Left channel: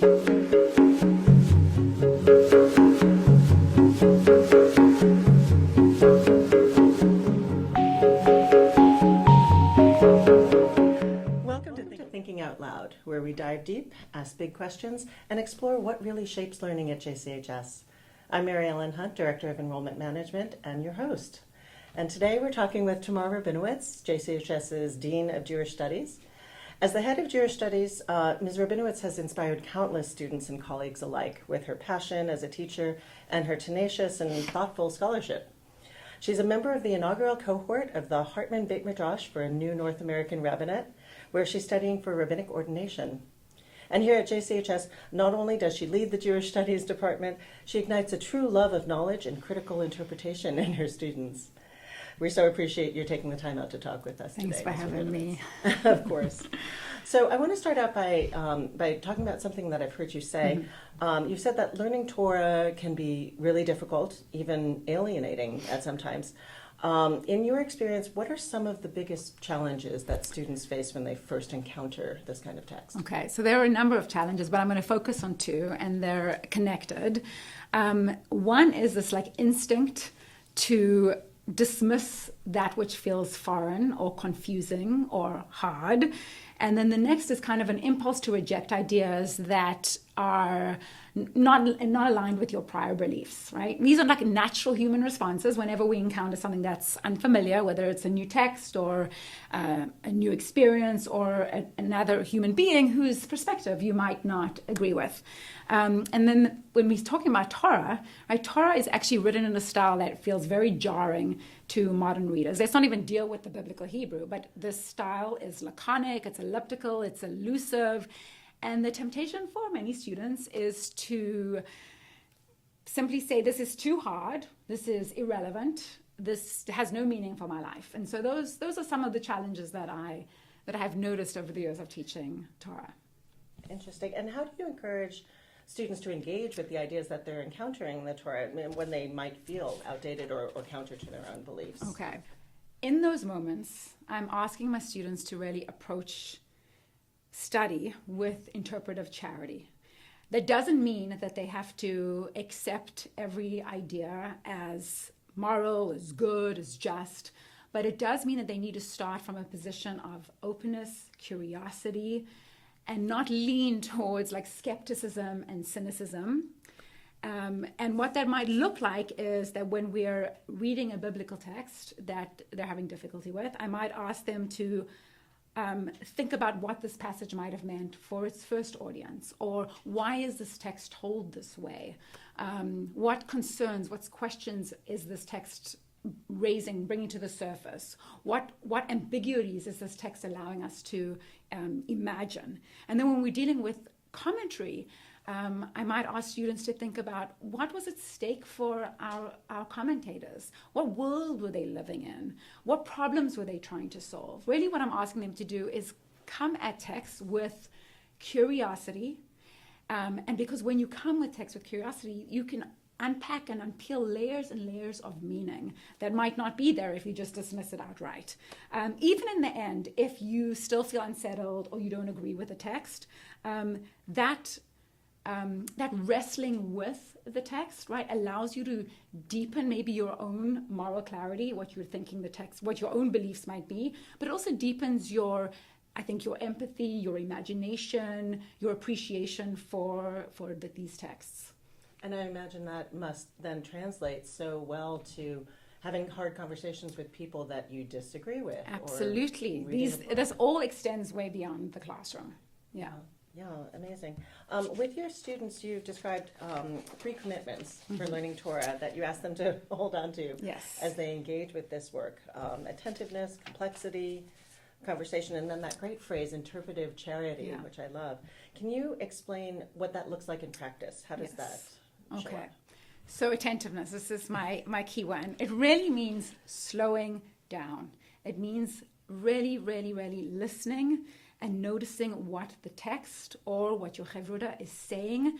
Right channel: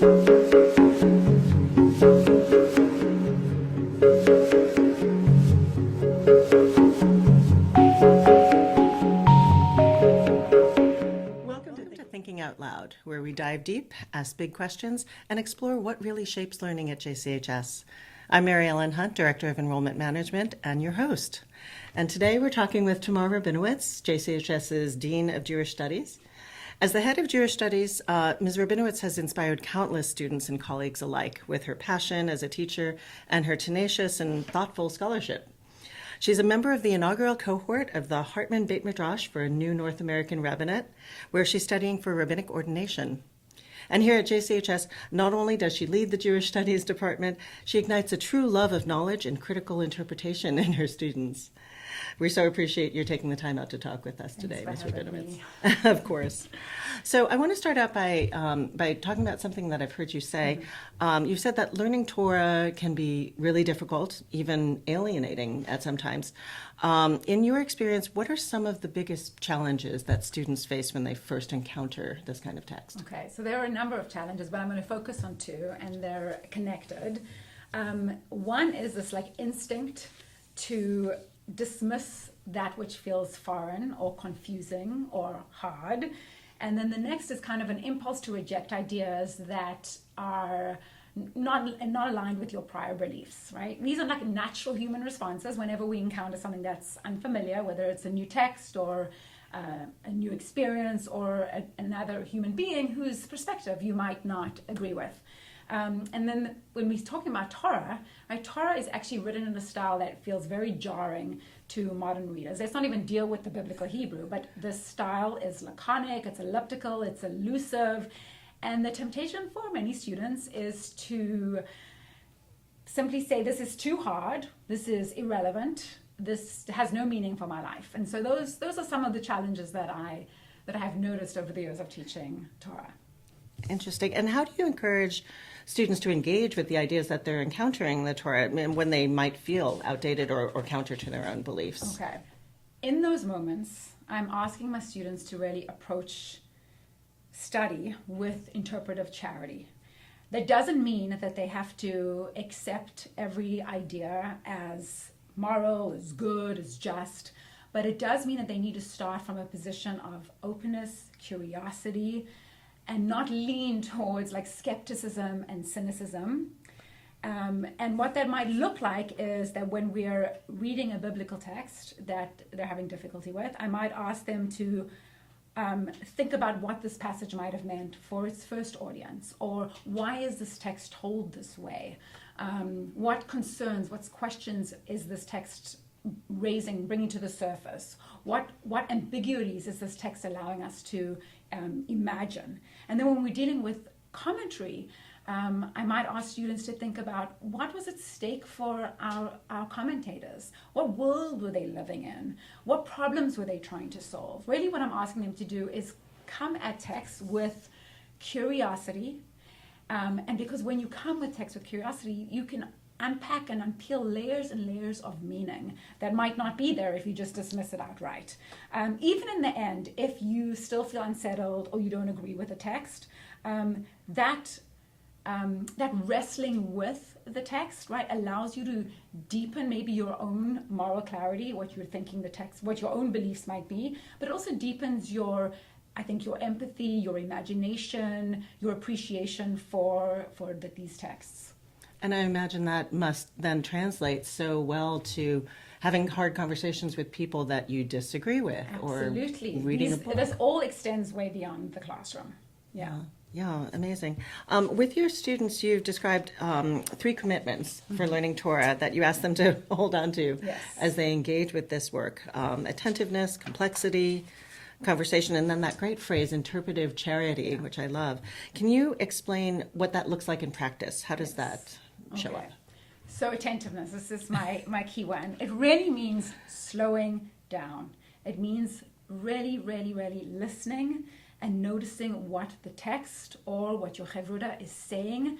Welcome to Thinking Out Loud, where we dive deep, ask big questions, and explore what really shapes learning at JCHS. I'm Mary Ellen Hunt, Director of Enrollment Management, and your host. And today we're talking with Tamar Rabinowitz, JCHS's Dean of Jewish Studies. As the head of Jewish Studies, Ms. Rabinowitz has inspired countless students and colleagues alike with her passion as a teacher and her tenacious and thoughtful scholarship. She's a member of the inaugural cohort of the Hartman Beit Midrash for a New North American Rabbinate, where she's studying for rabbinic ordination. And here at JCHS, not only does she lead the Jewish Studies Department, she ignites a true love of knowledge and critical interpretation in her students. We so appreciate you taking the time out to talk with us today. Thanks for having me. Of course. So I want to start out by talking about something that I've heard you say. Mm-hmm. You've said that learning Torah can be really difficult, even alienating at some times. In your experience, what are some of the biggest challenges that students face when they first encounter this kind of text? Okay, so there are a number of challenges, but I'm going to focus on two, and they're connected. One is this instinct to dismiss that which feels foreign or confusing or hard. And then the next is kind of an impulse to reject ideas that are not aligned with your prior beliefs, right? These are natural human responses whenever we encounter something that's unfamiliar, whether it's a new text or a new experience or another human being whose perspective you might not agree with. And then when we're talking about Torah, right, Torah is actually written in a style that feels very jarring to modern readers. Let's not even deal with the biblical Hebrew, but this style is laconic, it's elliptical, it's elusive, and the temptation for many students is to simply say, this is too hard, this is irrelevant, this has no meaning for my life. And so those are some of the challenges that I have noticed over the years of teaching Torah. Interesting. And how do you encourage students to engage with the ideas that they're encountering in the Torah when they might feel outdated or counter to their own beliefs? Okay. In those moments, I'm asking my students to really approach study with interpretive charity. That doesn't mean that they have to accept every idea as moral, as good, as just, but it does mean that they need to start from a position of openness, curiosity, and not lean towards skepticism and cynicism. And what that might look like is that when we're reading a biblical text that they're having difficulty with, I might ask them to think about what this passage might have meant for its first audience, or why is this text told this way? What concerns, what questions is this text bringing to the surface? What ambiguities is this text allowing us to imagine? And then when we're dealing with commentary, I might ask students to think about what was at stake for our commentators. What world were they living in? What problems were they trying to solve? Really what I'm asking them to do is come at text with curiosity. And because when you come with text with curiosity, you can unpack and unpeel layers and layers of meaning that might not be there if you just dismiss it outright. Even in the end, if you still feel unsettled or you don't agree with the text, that wrestling with the text, right, allows you to deepen maybe your own moral clarity, what you're thinking the text, what your own beliefs might be, but it also deepens your empathy, your imagination, your appreciation for these texts. And I imagine that must then translate so well to having hard conversations with people that you disagree with. Absolutely. Or reading this all extends way beyond the classroom. Yeah, amazing. With your students, you've described 3 commitments for learning Torah that you ask them to hold on to as they engage with this work. Attentiveness, complexity, conversation, and then that great phrase, interpretive charity, which I love. Can you explain what that looks like in practice? How does that show up? So attentiveness, this is my key one. It really means slowing down. It means really, really, really listening and noticing what the text or what your Hevruda is saying,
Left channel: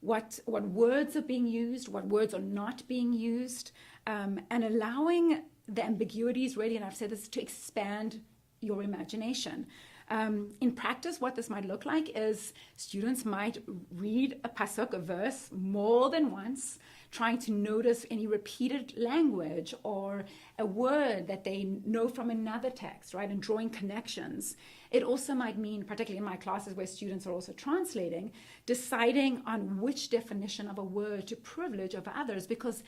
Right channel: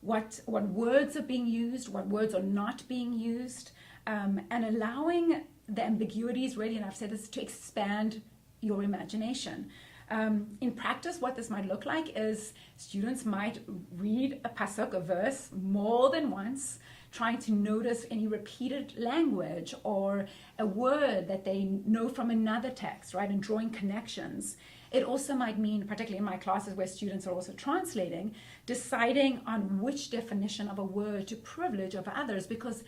what words are being used, what words are not being used, and allowing the ambiguities, really, and I've said this, to expand your imagination. In practice, what this might look like is students might read a pasuk, a verse, more than once, trying to notice any repeated language or a word that they know from another text, right, and drawing connections. It also might mean, particularly in my classes where students are also translating, deciding on which definition of a word to privilege over others, because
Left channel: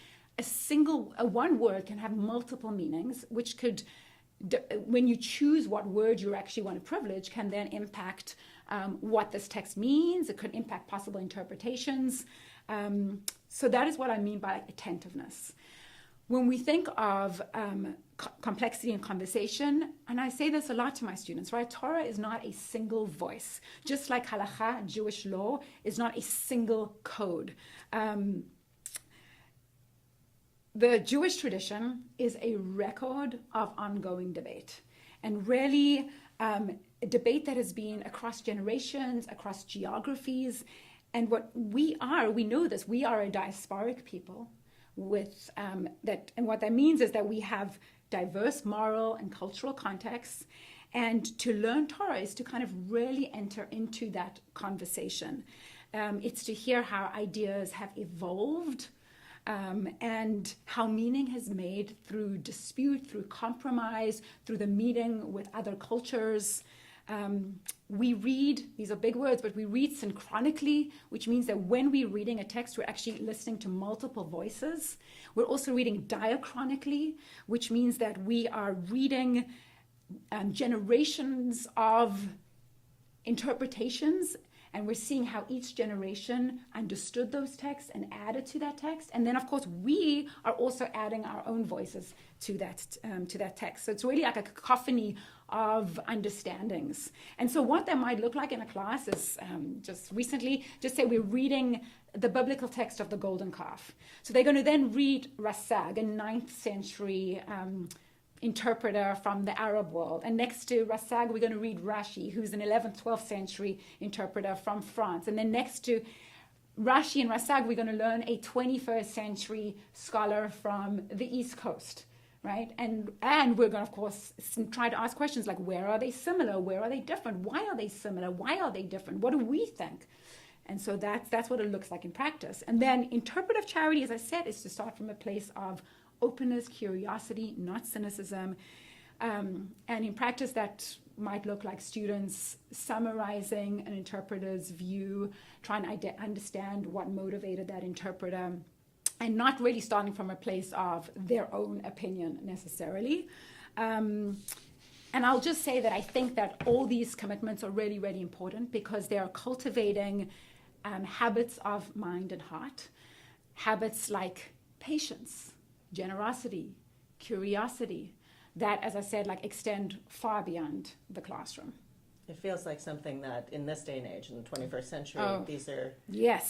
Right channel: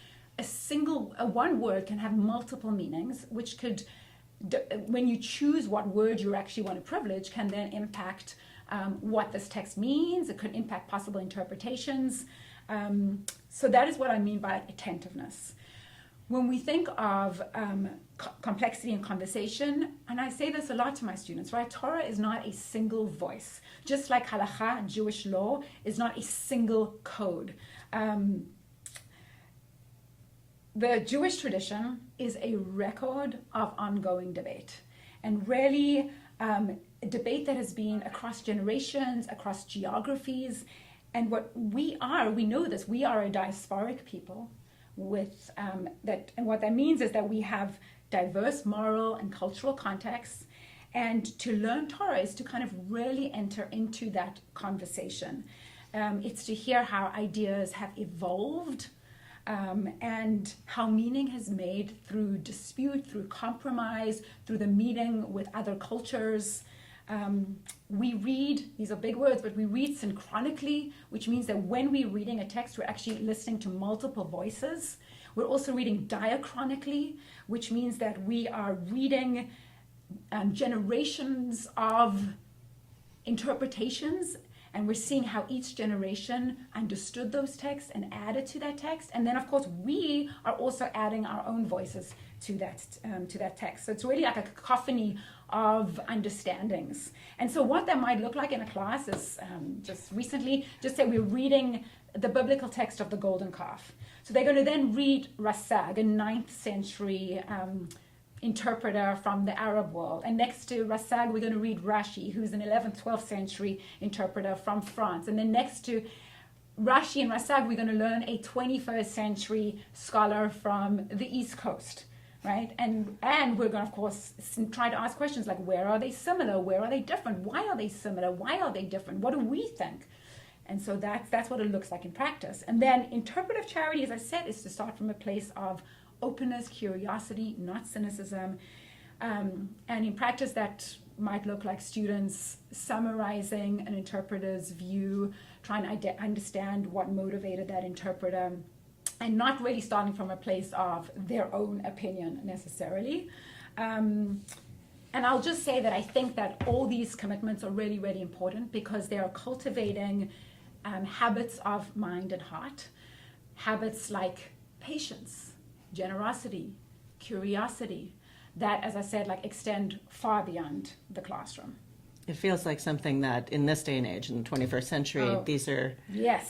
one word can have multiple meanings, which could, when you choose what word you actually want to privilege, can then impact what this text means. It could impact possible interpretations. So that is what I mean by attentiveness. When we think of complexity in conversation, and I say this a lot to my students, right? Torah is not a single voice. Just like halakha, Jewish law, is not a single code. The Jewish tradition is a record of ongoing debate, and really a debate that has been across generations, across geographies. And what we know this, we are a diasporic people with that, and what that means is that we have diverse moral and cultural contexts, and to learn Torah is to kind of really enter into that conversation. It's to hear how ideas have evolved, and how meaning has made through dispute, through compromise, through the meeting with other cultures. We read, these are big words, but we read synchronically, which means that when we're reading a text, we're actually listening to multiple voices. We're also reading diachronically, which means that we are reading generations of interpretations, and we're seeing how each generation understood those texts and added to that text. And then, of course, we are also adding our own voices to that text. So it's really like a cacophony of understandings. And so what that might look like in a class is just say we're reading the biblical text of the golden calf. So they're going to then read Rasag, a 9th century interpreter from the Arab world. And next to Rasag, we're going to read Rashi, who's an 11th, 12th century interpreter from France. And then next to Rashi and Rasag, we're going to learn a 21st century scholar from the East Coast. Right? And we're going to, of course, try to ask questions like, where are they similar? Where are they different? Why are they similar? Why are they different? What do we think? And so that's what it looks like in practice. And then interpretive charity, as I said, is to start from a place of openness, curiosity, not cynicism. And in practice, that might look like students summarizing an interpreter's view, trying to understand what motivated that interpreter, and not really starting from a place of their own opinion necessarily. And I'll just say that I think that all these commitments are really, really important because they are cultivating habits of mind and heart, habits like patience, generosity, curiosity, that, as I said, like extend far beyond the classroom. It feels like something that in this day and age, in the 21st century, these are yes,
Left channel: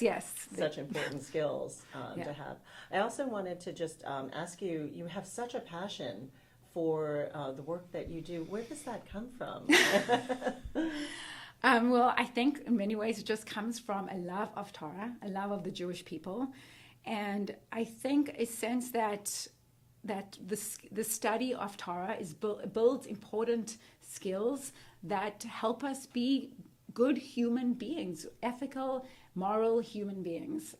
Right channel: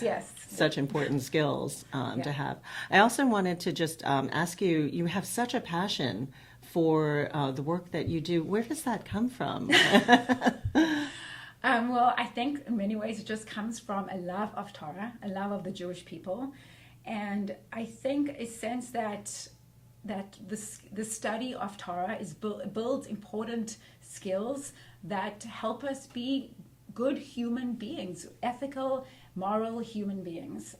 yes, such important skills to have. I also wanted to just ask you, you have such a passion for the work that you do. Where does that come from? Well, I think in many ways it just comes from a love of Torah, a love of the Jewish people. And I think a sense that the study of Torah builds important skills that help us be good human beings, ethical, moral human beings.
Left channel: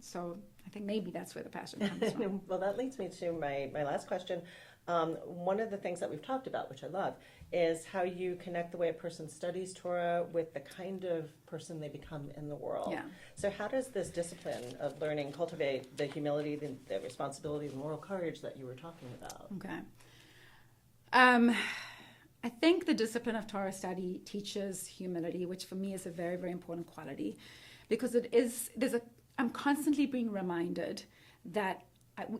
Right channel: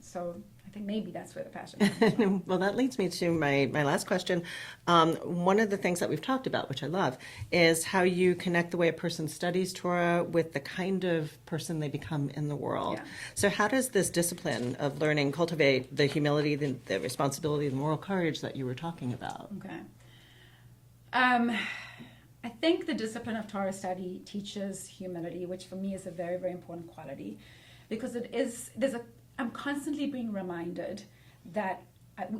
So I think maybe that's where the passion comes from. Well, that leads me to my last question. One of the things that we've talked about, which I love, is how you connect the way a person studies Torah with the kind of person they become in the world. Yeah. So how does this discipline of learning cultivate the humility, the responsibility, the moral courage that you were talking about? Okay. I think the discipline of Torah study teaches humility, which for me is a very, very important quality, because I'm constantly being reminded that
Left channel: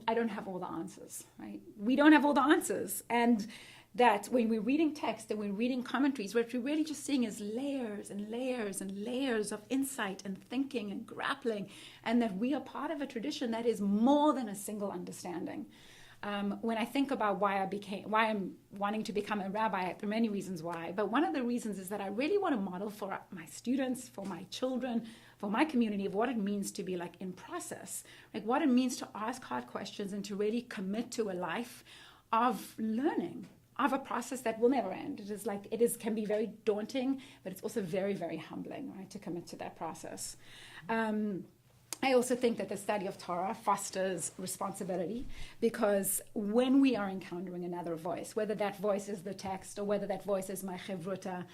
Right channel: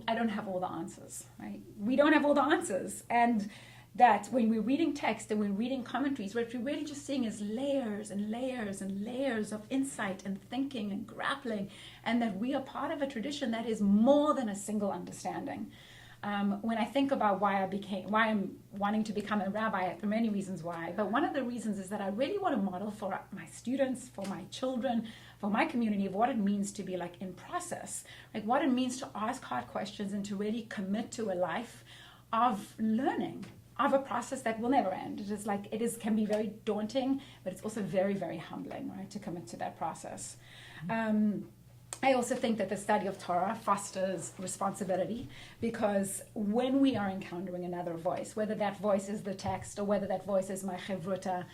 I don't have all the answers, right? We don't have all the answers. And that when we're reading text and we're reading commentaries, what we're really just seeing is layers and layers and layers of insight and thinking and grappling, and that we are part of a tradition that is more than a single understanding. When I think about why I'm wanting to become a rabbi, there are many reasons why, but one of the reasons is that I really want to model for my students, for my children, for my community, of what it means to be like in process, like what it means to ask hard questions and to really commit to a life of learning, of a process that will never end. It is like, can be very daunting, but it's also very, very humbling, right, to commit to that process. I also think that the study of Torah fosters responsibility, because when we are encountering another voice, whether that voice is the text or whether that voice is my chevruta,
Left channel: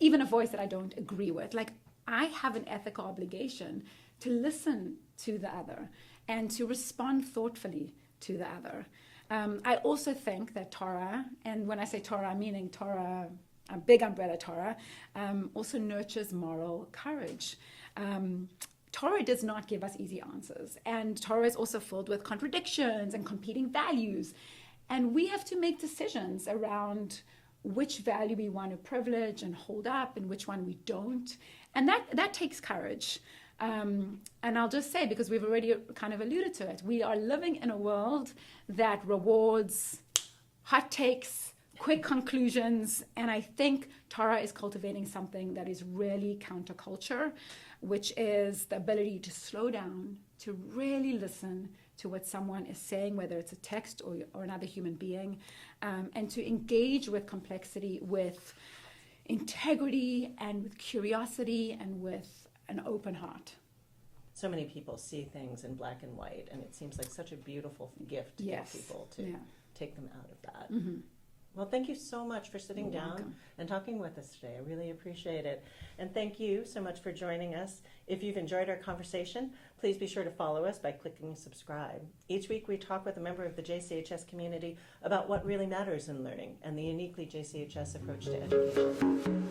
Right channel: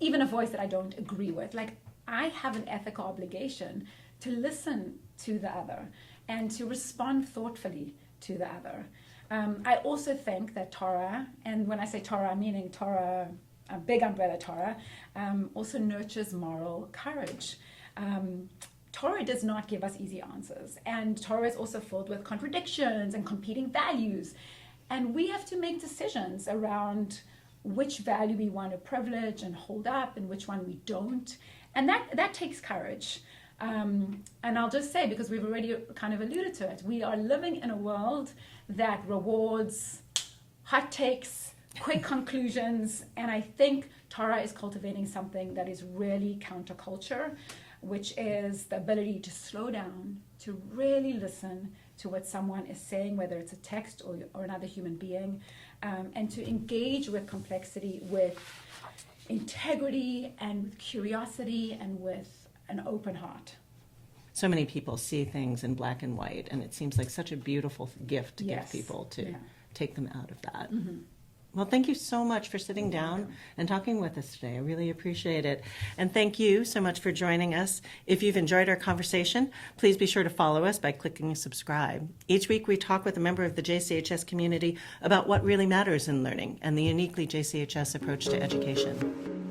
even a voice that I don't agree with, like, I have an ethical obligation to listen to the other and to respond thoughtfully to the other. I also think that Torah, and when I say Torah, I'm meaning Torah, a big umbrella Torah, also nurtures moral courage. Torah does not give us easy answers, and Torah is also filled with contradictions and competing values, and we have to make decisions around which value we want to privilege and hold up and which one we don't, and that takes courage. And I'll just say, because we've already kind of alluded to it, we are living in a world that rewards hot takes, quick conclusions, and I think Torah is cultivating something that is really counterculture, which is the ability to slow down, to really listen to what someone is saying, whether it's a text or another human being, and to engage with complexity with integrity and with curiosity and with an open heart. So many people see things in black and white, and it seems like such a beautiful gift to give people to take them out of that. Mm-hmm. Well, thank you so much for sitting down and talking with us today. I really appreciate it. And thank you so much for joining us. If you've enjoyed our conversation, please be sure to follow us by clicking subscribe. Each week we talk with a member of the JCHS community about what really matters in learning and the uniquely JCHS approach to education.